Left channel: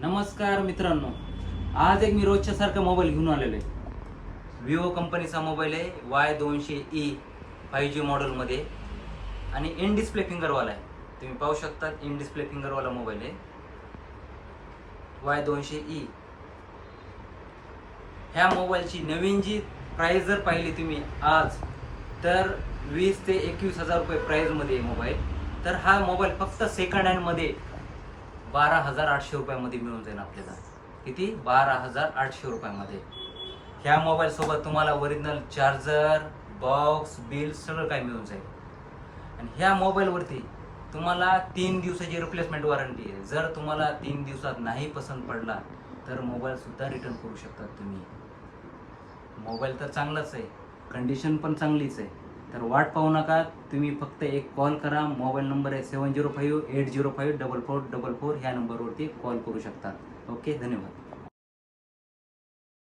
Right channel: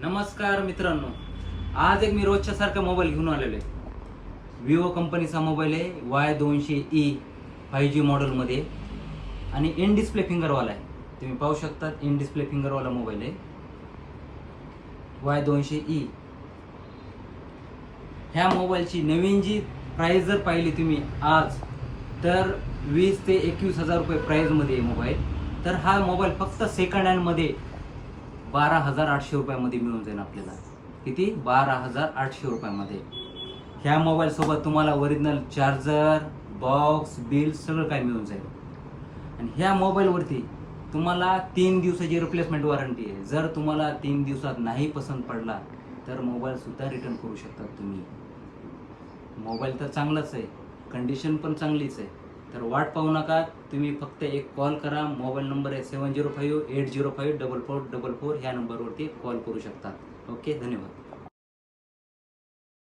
नमस्कार मित्रांनो, आज एक मी रोजच्या सारखा मोबाईल घेऊन आलेलो आहे. विवो कंपनीचा मोबाईल आहे Y200E 5G मॉडेलमध्ये आणि इन डिस्प्ले फिंगरवाला आहे. तुम्ही पाहू शकता इन डिस्प्ले फिंगरवाला मोबाईल आहे Y200E. ह्या मोबाईलची नवीन जी प्राइस जर पाहिली तुम्ही आज तर 20 ते 21,000 रुपये प्राइसमध्ये आहे मोबाईल. तर हा मोबाईल फक्त सेकंड हँडमध्ये 12,800 रुपयामध्ये मिळून जाईल आपल्याला. किती? 12,800 रुपयामध्ये. ह्या मोबाईल सोबत तुम्हाला ओरिजिनल चार्जर, बॉक्स, बिल सगळं काही मिळून जाईल. आणि ह्या मोबाईलवरती तुम्हाला 3 दिवसाची रिप्लेसमेंट वॉरंटी आहे. जर तुम्हाला 3 दिवसात नाही पसंत पडला तर मोबाईल सुद्धा रिटर्न करू शकतात तुम्ही. मोबाईल तर चांगलाच आहे, कंडिशन पण चांगलीच आहे. तर वाट पाहू नका, तुम्ही फक्त एक कॉल करा. मोबाईल नंबर आहे 7058054444. ह्या नंबरवरती कॉल करू शकता. ओके, धन्यवाद.